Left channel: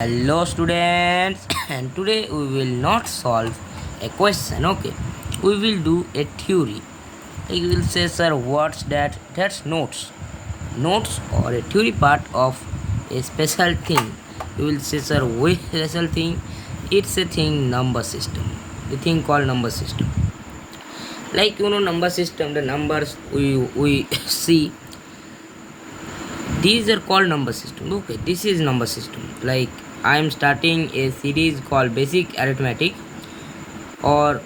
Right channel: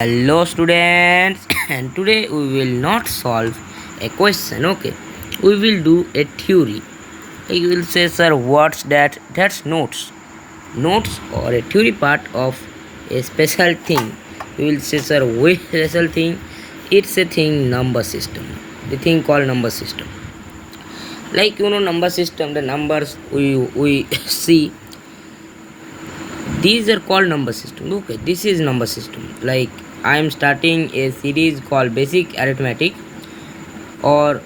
Hello students and today we will not solve a question, okay, we will do a theory. You will say, sir, what's that? That's notes or a theory part of a special thing. You will say, sir, which special thing? It's a thing, number system, the thing called number system. Like number system, the numbers we see, these are called number system. Okay, this is number system. Like I am starting a series called basic arithmetic, or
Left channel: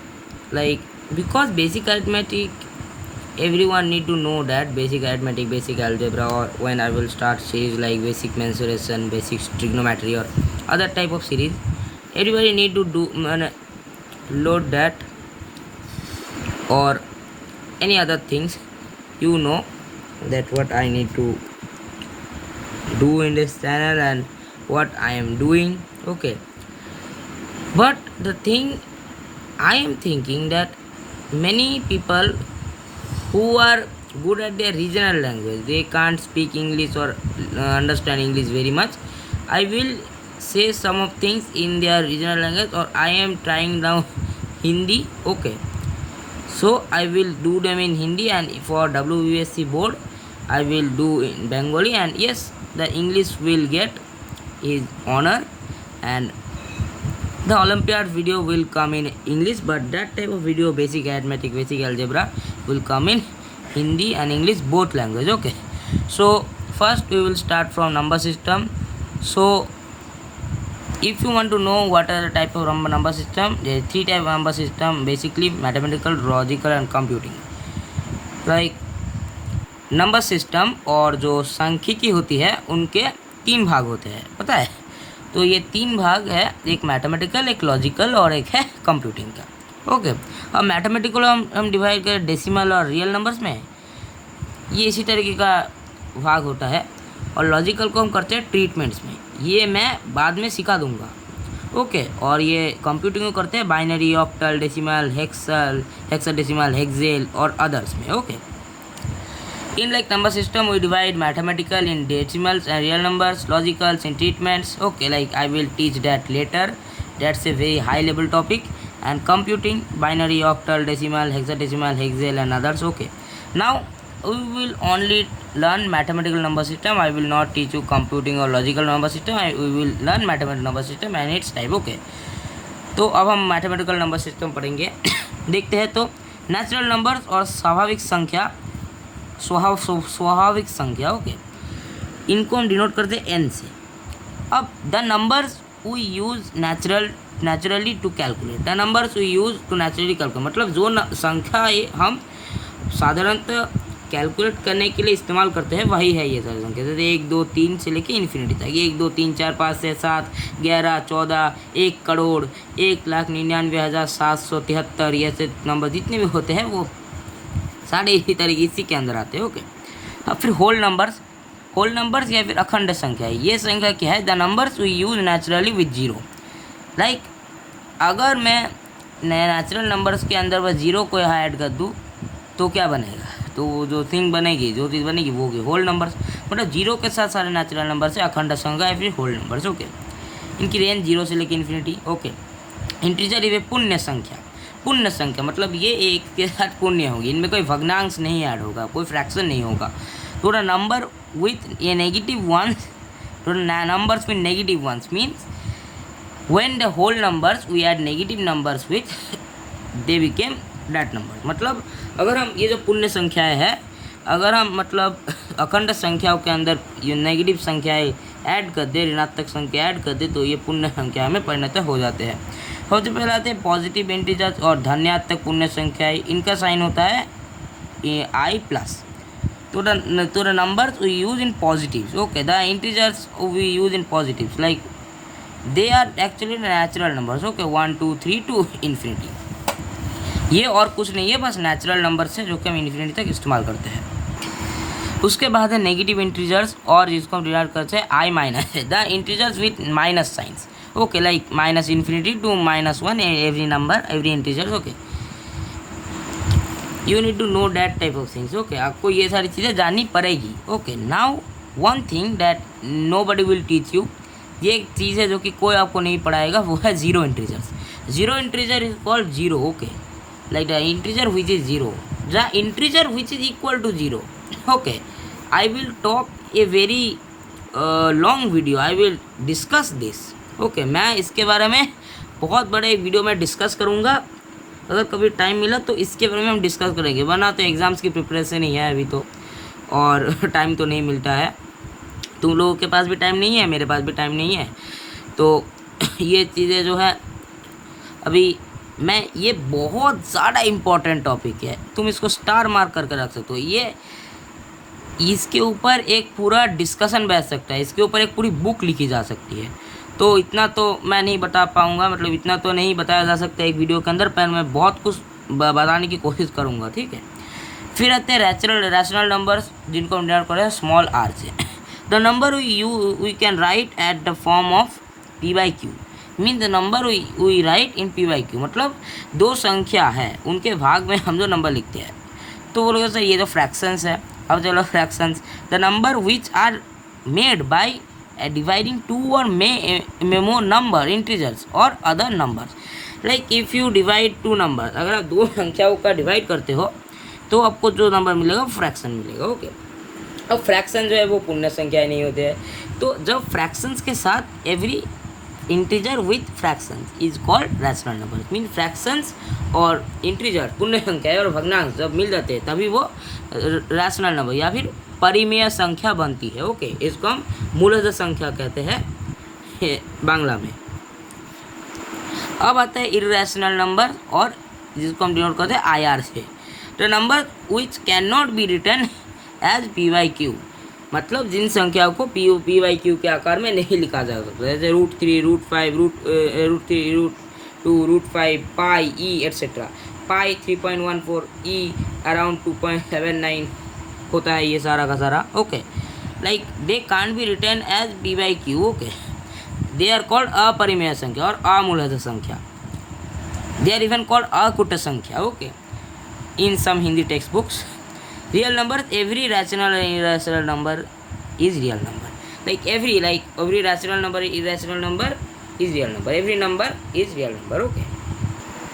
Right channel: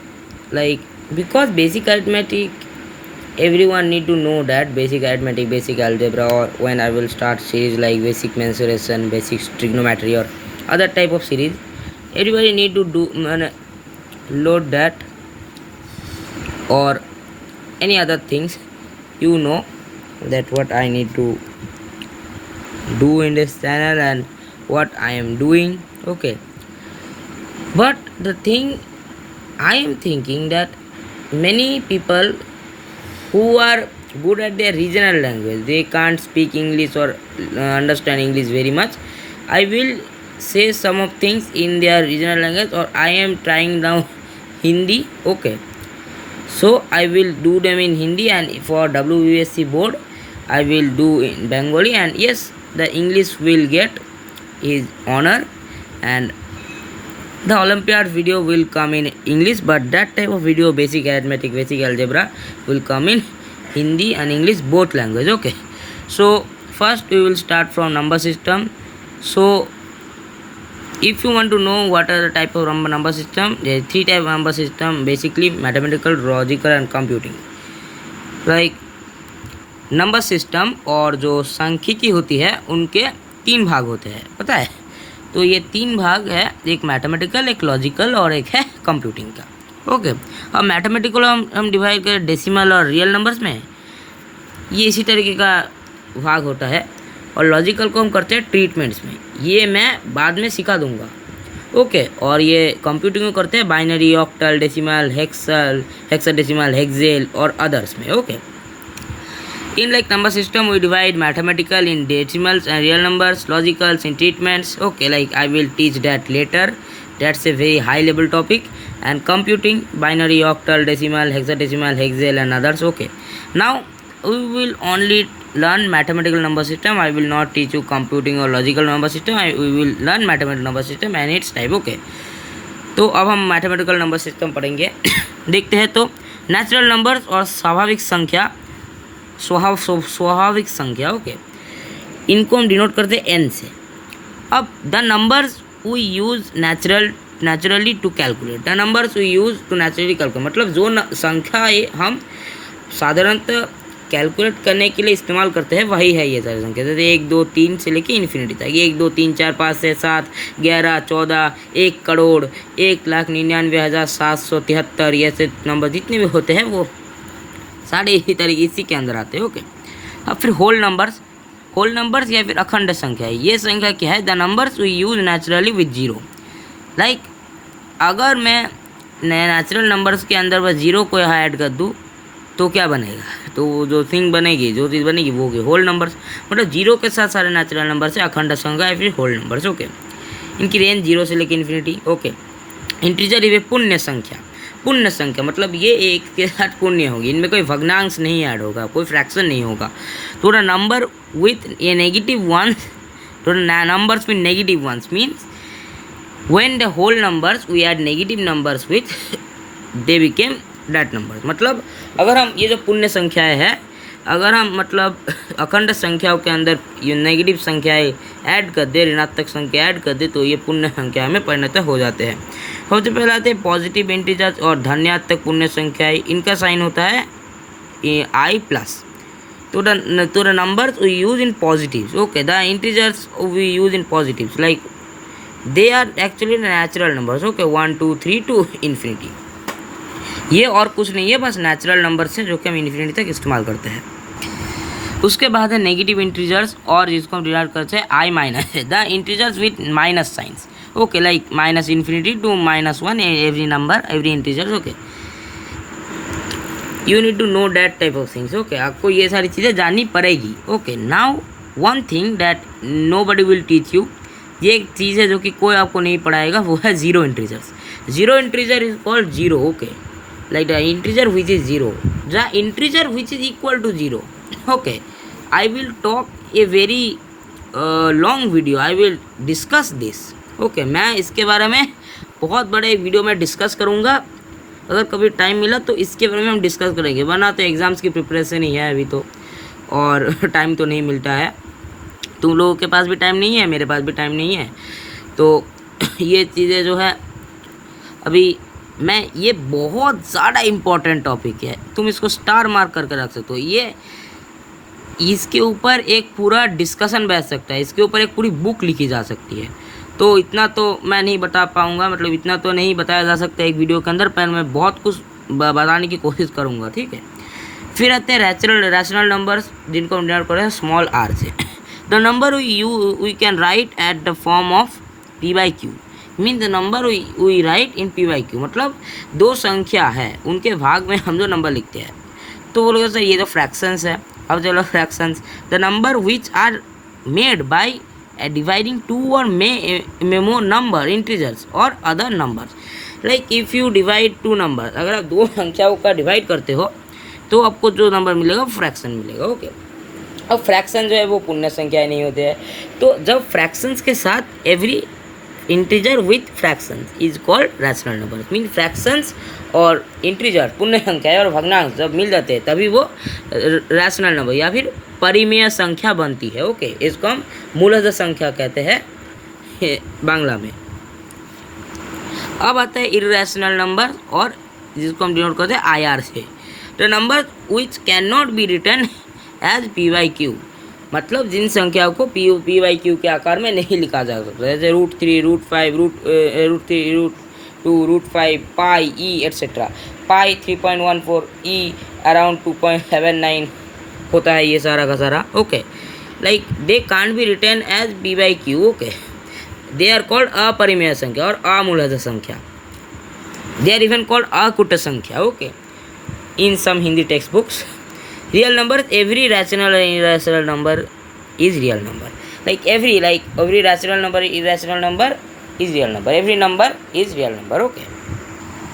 like, because basic arithmetic, everyone need to know that basic arithmetic, basic algebra, or when I will start series like basic mensuration, basic trigonometry, or other type of series, everybody need to do load that, or any other things. That what I need to do in this channel and what I am doing. Okay, but the thing I am thinking that many people who are good at their regional language, they can't speak English or understand English very much. I will say some of things in their regional language, or I am trying now Hindi. Okay, so I will do them in Hindi, and for WBSC board I will do in Bengali, and yes, the English will get his honor, and the Olympiad video will come in English, but that type of video, basic arithmetic, basic algebra, will come in Hindi and English, both language. Okay, so first we will start from number system. So if you want to know what are the type of number system, there are three type of number system, basically mathematical, logical and computing. Like number system और जो सांख्यिकी होती है उनके तीन भाग होते हैं, पता है? तो ये तीन भाग है, एक मैथमेटिकल, एक लॉजिकल और एक है कंप्यूटिंग का. ओके, अब मैथमेटिकल हम डिवाइड करें डेसिमल और रियल नंबर्स में, ये इसी तरीके का भाग होता है. और लॉजिकल को हम करते हैं ट्रीटमेंट्स में, ये मैं बाद में सिखा दूंगा. ओके, और ये कंप्यूटिंग को करते हैं बाइनरी, ऑक्टल, डेसिमल, हेक्साडेसिमल, हेक्सेल और अदर्स में. Okay, in like number system we divide mathematical in decimals and real numbers, logicals in treatments. Okay, like I will teach that later, that's a very high level topic. And computing, binary, octal, decimal, hexadecimal, hexadecimal and others. Okay, now we will only learn mathematical number system. I will not teach you computing or logical number system. We will learn mathematical number system and its type. Okay, तो अब हम mathematical number system पढ़ेंगे. देखते हैं. तो natural numbers और स्वाभाविक संख्या. ओके, इनको हम डिनोट करते हैं एन से. अब the numbers we use naturally to calculate, the numbers we use to naturally calculate, मतलब जो संख्या हम साधारणतः कैलकुलेट करने के लिए इस्तेमाल करते हैं वही है ये सारी संख्या. जैसे 1 2 3 से लेके इन्फिनिटी तक, 1 2 3 4 5 6 7 11 14 1 करोड़ 1,99,773, ऐसे नंबर जितने भी होते हैं वो सारे इसी तरीके इसी के अंदर आते हैं. ओके, अब फिर होल नंबर्स या फिर अखंड संख्या. ये संख्या क्या है? The numbers we use naturally with zero. Like अगर मैं नेचुरल नंबर्स के अंदर बस जीरो को यहाँ ऐड कर दूँ तो क्या बनेगा? तो जो चीज़ बनेगी वो होगी होल नंबर्स. मतलब जीरो के साथ सारे नेचुरल नंबर से अखंड संख्या या फिर होल नंबर्स. ओके, इनकी रेंज जीरो से लेकर इन्फिनिटी. ओके, इंटीजर ये पुण्य संख्या मतलब ये एक के साथ पुण्य होगी, इनमें कोई भग्नांश नहीं ऐड होगा, कोई फ्रैक्शन नहीं होगा. तो the number with a negative ones, तो numbers with negative ones means when the whole numbers we add negative numbers with they became that number. मतलब अगर हम ये जो पुण्य संख्याएं हैं, अगर हम मतलब अखंड संख्याओं के अंदर ये नेगेटिव संख्याएं ऐड कर दे, ऋणात्मक संख्या ऐड कर दे, तो ये पुण्य संख्या में परिणत हो जाते हैं. सबसे पहले आते हैं पॉजिटिव इंटीजर्स और धनात्मक पुण्य संख्याएं. इनका साइन होता है I प्लस. तो the numbers we use in positives. Okay, the integers we use in positives, like they are actually natural numbers. Okay, 1 2 3 to infinity. ये और कुछ नहीं है, बस नेचुरल नंबर्स हैं जो कि हम इन्फिनिटी तक इस्तेमाल करते हैं. उसके बाद है नेगेटिव इंटीजर्स, और जिसको हम डिनोट करते हैं I minus, the integers with minus signs. Okay, like minus infinity to -1 every number, every integers. Okay, you need to know that type of things. Okay, आपको ये सारी चीज़ें जाननी पड़ेगी. Okay, now one thing that nobody will teach you, ये एक चीज़ है जो कि कोई आपको नहीं पढ़ाएगा, वो है zero integers. Zero integer is called zero, okay, like the integer which is 0, the integer which is equal to 0. Okay, I will talk a very long video, I will discuss this. Okay, मैं इसके बारे में बहुत बड़े एक video में discuss करूँगा, अगर कभी टाइम मिला तो इसके बारे में हम डिस्कस करेंगे, वरना तो एग्ज़ाम्स की प्रिपरेशन ही है अभी तो, और टाइम तो नहीं मिलता है। तुम लोगों के पास भी टाइम नहीं है, मेरे पास भी टाइम नहीं है, तो ये चीज़ें जो है अभी मैं, ये बहुत ज़्यादा इम्पोर्टेंट टॉपिक है, तुम इसको स्टार मार्क करके रख सकते हो। ये इसके ऊपर एक पूरा डिस्कशन बैठ सकता है, इसके ऊपर एक पूरी बुक लिखी जा सकती है। तो इतना तो मैं नहीं बता पाऊँगा, मतलब इतना तो नहीं बताया जा सकता एक वीडियो के अंदर, पर मैं बहुत कुछ बताने की कोशिश करूँगा, ठीक है। फिर आते हैं रैशनल नंबर्स, जिनको हम डिनोट कर रहे हैं स्मॉल आर से। The number we can write at the form of P by Q, mean the number we write in P by Q, मतलब दो संख्या है उनके भाग में हम जो नंबर लिखते हैं। तो बोलोगे सर ये तो फ्रैक्शंस है, अब चलो fractions, the number which are made by dividing two और मोर नंबर इंटीजर्स और other numbers. Like if you divide two number, अगर आप दो संख्याओं का डिवाइड करते हो तो आपको जो नंबर मिलेगा फ्रैक्शन मिलेगा, ओके। अब फ्रैक्शन जो है वो पूर्ण संख्याएं नहीं होते हैं, तो जब फ्रैक्शंस के साथ every integer with fractions is called rational number, mean fractions और इंटीजर पूर्ण संख्याएं और भग्नांश जब मिल जाते हैं तभी वो रैशनल नंबर या फिर परिमेय संख्या बनती है, ओके। इसको हम मूलतः संख्या कहते हैं बांग्ला में। अब आता है इर्रेशनल नंबर, और जिसको हम डिनोट करते हैं IR से, the number which can not be written as P by Q, मतलब जिन संख्याओं को पी बाई क्यू के आकार में नहीं लिखा जा सकता, जैसे √3, √5, √3, √2, √5, पाई, ई एट्सेट्रा। पाई 3.14, ई अराउंड 2.79 होता है ये सारा का सारा, okay. Like they can't be written as P by q, okay. They are called अपरिमेय संख्या और अमूलतः संख्या, दे आर इवन कॉल्ड अकूट संख्या, okay, in some Hindi text books. Real numbers, every rational and irrational number is real number. Like every rational number, irrational number is real number. Every number is real number. Okay.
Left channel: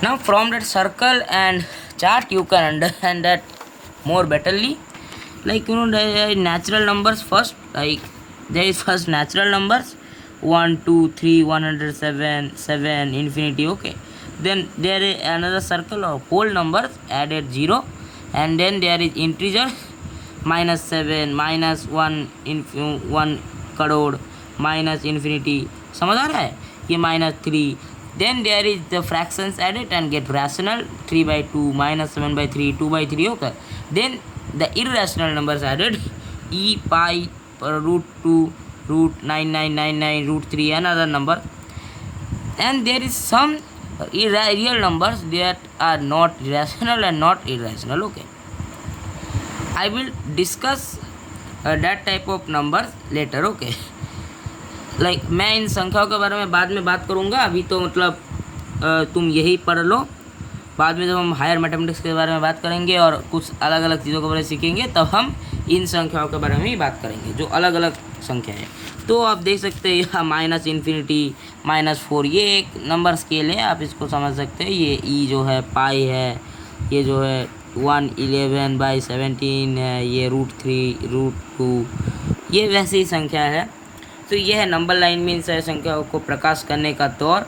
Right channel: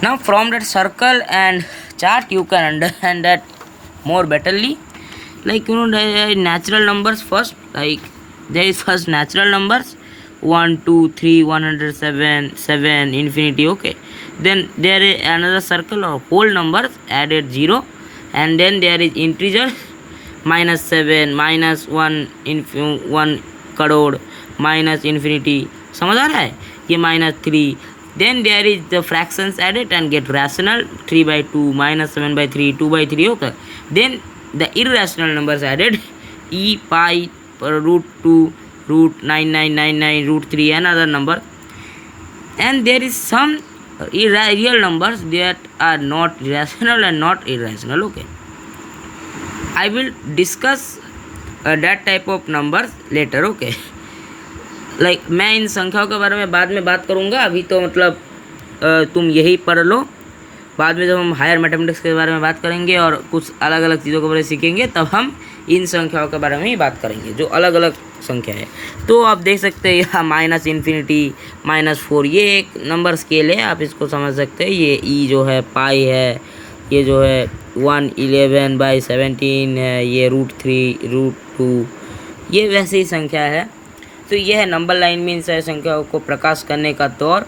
Now from that circle and chart you can understand that more betterly. Like there are natural numbers first. Like there is first natural numbers 1, 2, 3, 107, 7, infinity. Okay. Then there is another circle of whole numbers added 0. And then there is integer -7, -1 crore, minus infinity, समझ आ रहा है, ये -3। then there is the fractions added and get rational 3/2, -7/3, 2/3, okay. then the irrational numbers added e, pi, √2, √9999, √3 and other number. And there is some real numbers that are not rational and not irrational, okay. I will discuss that type of numbers later, okay. Like मैं इन संख्याओं के बारे में बाद में बात करूँगा, अभी तो मतलब तुम यही पढ़ लो, बाद में जब हम हायर मैथमेटिक्स के बारे में बात करेंगे और कुछ अलग अलग चीज़ों के बारे में सीखेंगे तब हम इन संख्याओं के बारे में ही बात करेंगे जो अलग अलग संख्या है। तो आप देख सकते हैं यहाँ -∞, -4 ये एक नंबर स्केल है, आप इसको समझ सकते हैं। ये ई जो है पाई है, ये जो है 111/17 है, ये √3, √2 ये वैसे ही संख्या है। तो ये है नंबर लाइन में इन सारी संख्याओं को प्रकाश करने का तौर।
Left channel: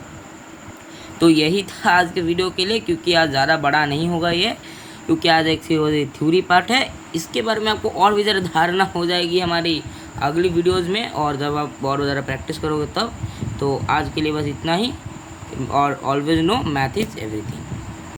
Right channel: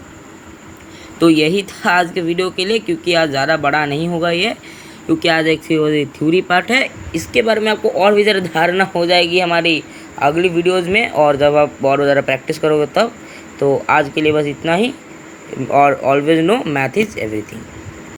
तो यही था आज के वीडियो के लिए, क्योंकि आज ज़्यादा बड़ा नहीं होगा ये, क्योंकि आज एक थ्योरी पार्ट है। इसके बारे में आपको और भी ज़्यादा धारणा हो जाएगी हमारी अगली वीडियोज़ में, और जब आप बहुत ज़्यादा प्रैक्टिस करोगे तब। तो आज के लिए बस इतना ही, और always no math is everything.